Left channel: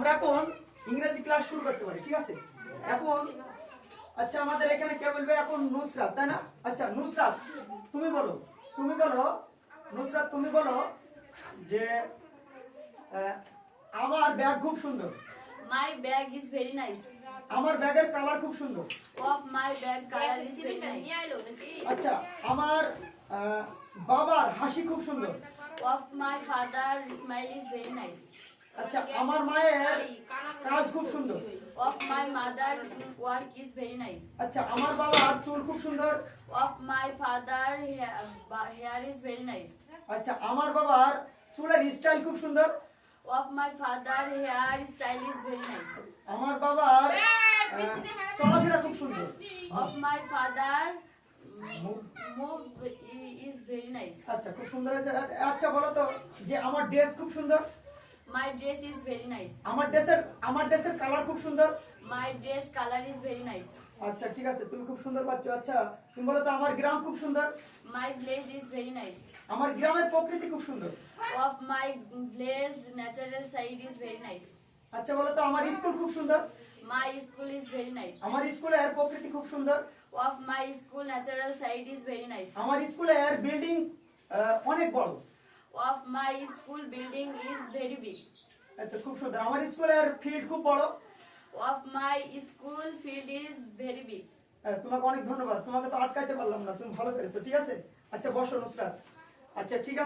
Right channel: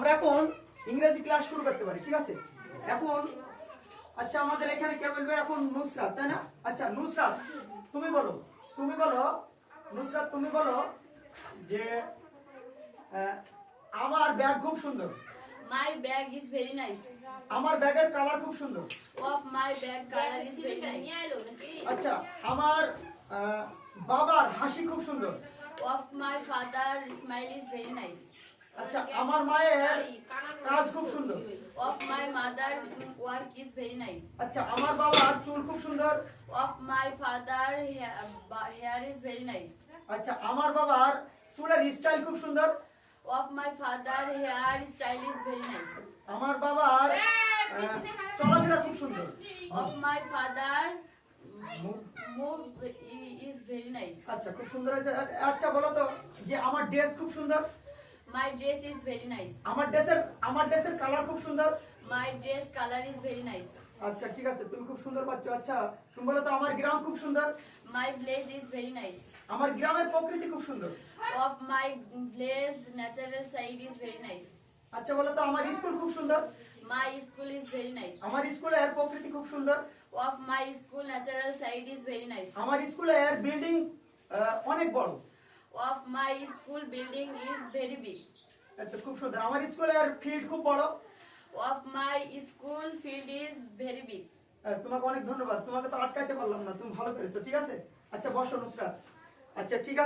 আমরা এখন ইংরেজি ক্লাস শুরু করতে পারি ঠিক আছে? এখন আচ্ছা আমাদের এখানে কে বলবে? এখন নুসরাত তাই না? আচ্ছা নুসরাত তুমি বলো তুমি বলো নুসরাত তুমি বলো যে আমার ব্যাগ খুব সুন্দর। My bag is very nice আমার ব্যাগের কালার খুব সুন্দর। Of my bag color is very nice. আচ্ছা আমার বাবার হাসি খুব সুন্দর। Of my father smile is very nice. আচ্ছা আমার মায়ের কাজ খুব সুন্দর। Of my mother work is very nice আচ্ছা আমার বাবার চুল খুব সুন্দর। Of my father hair is very nice আচ্ছা আমার বাবার চুলের স্টাইল খুব সুন্দর। Of my father hair style is very nice আমার বাবার চলাফেরা খুব সুন্দর। Of my father move is very nice আচ্ছা খুব সুন্দর আছে আচ্ছা বলো তো যে আমার ড্রেস খুব সুন্দর। My dress is very nice. আমার ড্রেসের আমার ড্রেসের কালার খুব সুন্দর. My dress color is very nice. আচ্ছা ঠিক আছে তুমি খুব সুন্দর বাচ্চ আচ্ছা তুমি বলো আমার গ্রাম খুব সুন্দর? My village is very nice আমার গ্রামের প্রকৃতি খুব সুন্দর। Of my natural side is very nice আচ্ছা বলো তো আমার স্কুল খুব সুন্দর? My school is very nice আমার স্কুল প্রকৃতি খুব সুন্দর। Of my school natural side is very nice আমার স্কুলের বিল্ডিং অনেক বড়। Of my school building is very big. তো খুব সুন্দর। আমার স্কুলের ফিল্ড খুব বড়। Of my school field is very big. তোমাকে অনেক ধন্যবাদ। তোমাকে তো আটকাইতে পারলাম না। তুমি ভালো করেছ ঠিক আছে? আচ্ছা বসো নুসরাত। আচ্ছা ঠিক আছে।